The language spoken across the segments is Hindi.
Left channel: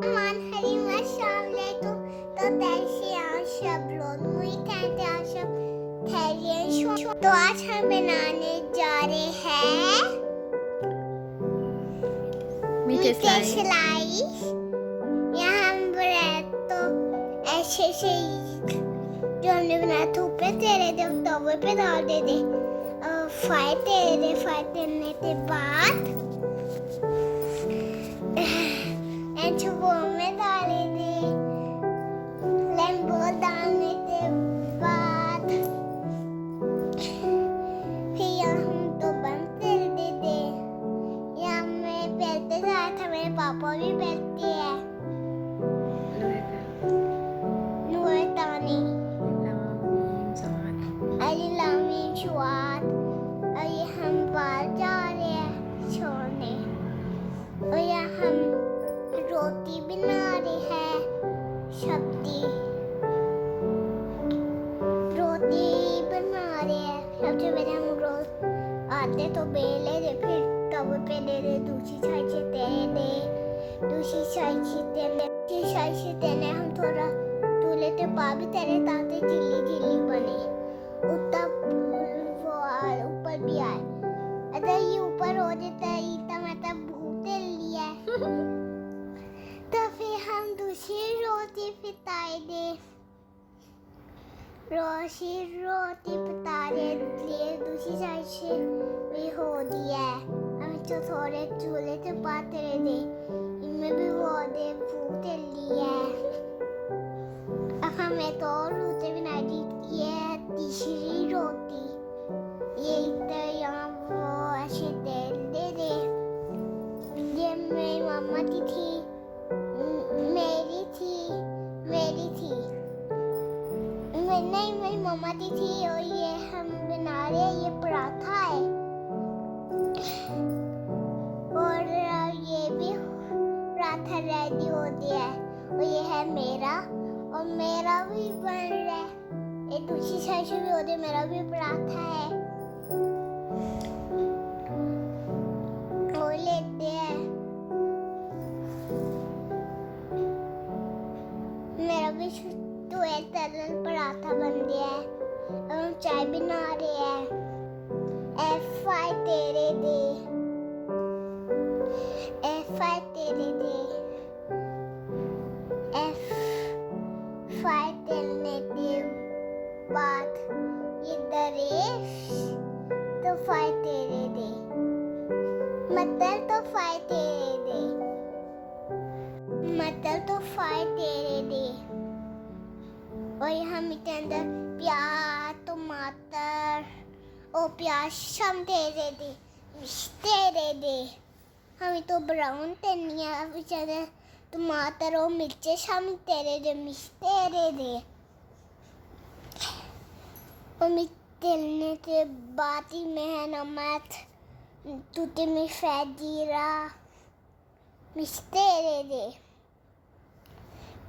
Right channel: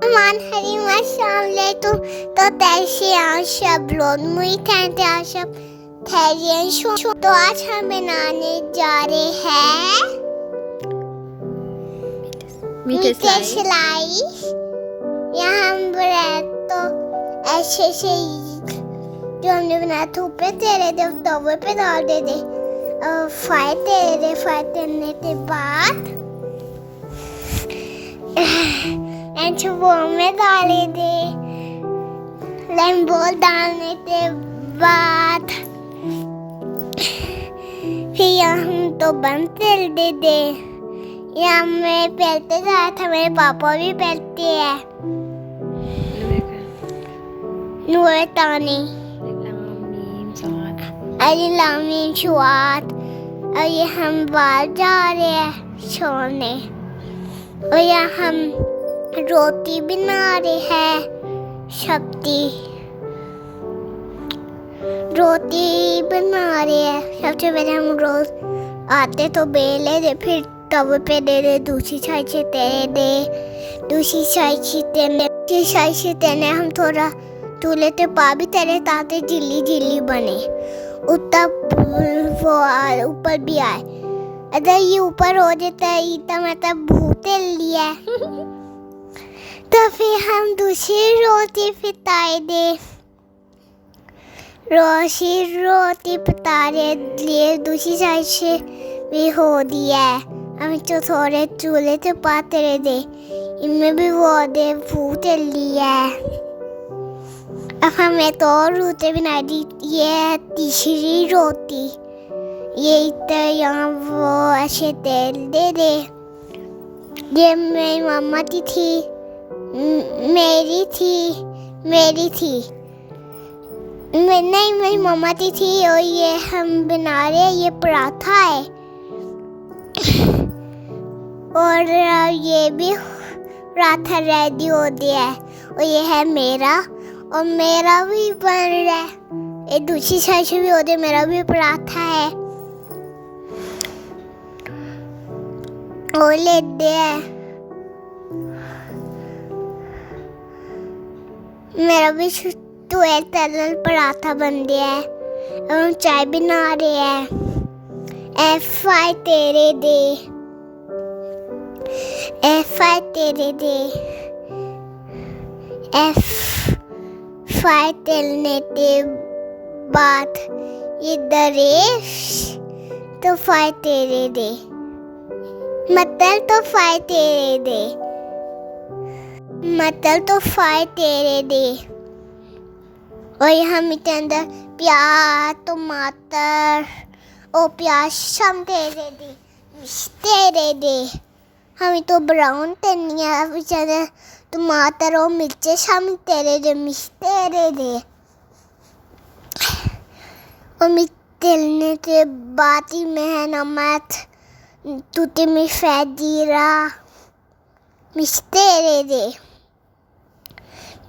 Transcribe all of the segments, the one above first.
Man hari masalahtum तो सब लोग मुझे कहते हैं सब ठहरिए तो आज हम बनाने जा रहे हैं मीठे स्लाइस। यहाँ हम ब्रेड तो ऐसे से जो हमने बनाया था ऊपर तेरे तवे पे डाल दे फ्राई करने के बाद वो में डाले दे लेमन डालने के बाद फिर हम तो बंद कर दे यहाँ मैं पहलते जाया था, मेरे पापा भी पहलते हैं नूर तानी अलीलामीन शुआत। और ये हम बाहर जा रहे हैं सोने और यहाँ हम रोटी बना रहे हैं सब्जी रोटी बना रहे हैं। सबसे पहले हम रोज आते तो बेले दे फिर तवे पे दे दूसरी साइड से तेरे दे दूसरी साइड से तेने हम थोड़ा चूल्हे पे पा भी तेरे ताते जिली बने उतना वो ऊपर भी आए। अगर ये ऊपर हो जाता है इतना मतलब भूते लिया तो फिर हम दूसरी रोटी पिताए दे रोटी पितारे लिए दूसरी साइड से भी हो दिया है। हम तो थोड़े चूल्हे पे पाते रहे दे इनमें भी वो दे भूत लिया है। अब हमें तो और रोटी बनाई दी, ये है तीसरी रोटी। ये इधर यहाँ वो ऐसे तेल दे ये मेरी मम्मा की थी मेरी थी नहीं मेरी मम्मा की थी। और ये हम बना रहे हैं ये पराठा है और ये भी पराठा रेडी हो गया है और ये है मेरा और मेरा भी बन रहा है। ये दूसरी साइड से भी हो गया, मेरा भी पराठा है और लेते हैं मेरा भी तरल पराठा बन गया है। अब हम चाय बना रहे हैं। एफ तेरे दे तलने के बाद ये दरेश तो फाय तेरे दे मतलब तो फाय तेरे दे और हम इसके अंदर प्याज टमाटर और प्याज शाम तेरे दे हम तो ब्राउन धनिया बेचारे टमाटर और मिर्चे शाम तेरे दे और मिर्चने के बाद ही में नमक टूटी में जीरा मिस्तेरे दे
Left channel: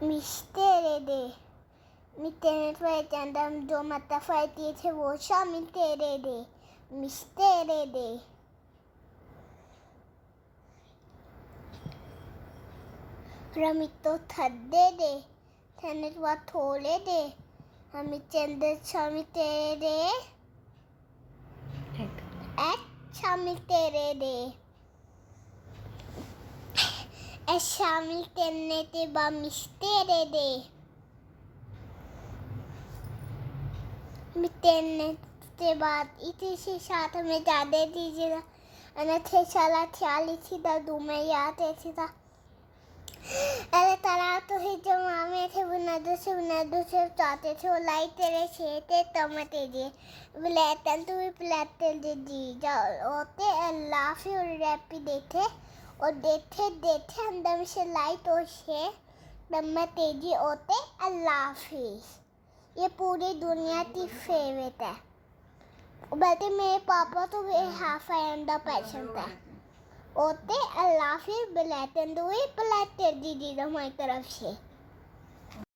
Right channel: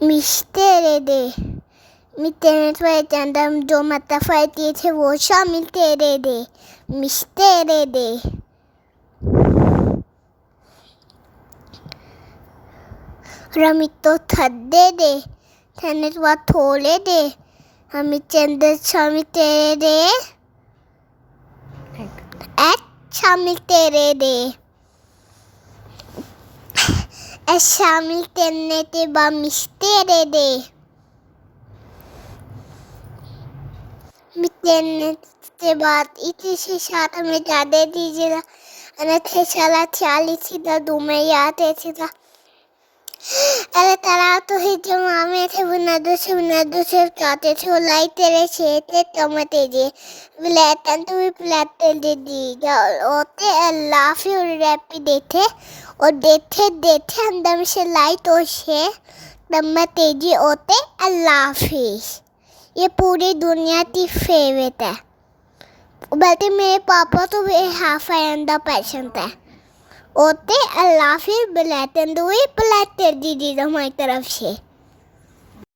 मिस्तेरे तो अंदर जो मतलब फैती थे वो शामिल तेरे दे मिस्तेरे दे रमी तो थद्दे दे थने तो बात थोड़े दे हम चंदर शामिल तेरे दे शामिल तेरे दे शामिल करने के बाद मिस्तेरे दे मिस्तेरे के बाद इतनी से साथ हमें ज़्यादा दीजिएगा अनथे साला 40 थी दो में याद है था अरे तारा तो ही जो मामे थे बुना दो से चाहते थे वो लाई तेरे छेते टमाटे दे ब्लैटन तो भी ब्लैटन दे दी होते अल्लाह फिर रैपी देते और देते अंदर में से लाइट और से टमाटे जी होते अल्लाह हाफिज़। ये पूरी दुनिया की फेवरेट है बल्कि मेरे पापा तो भी हाफ अंडा पसंद है होते अल्लाह फिर ब्लैटन दो ही ब्लैटर दीदी हमारी तरफ से।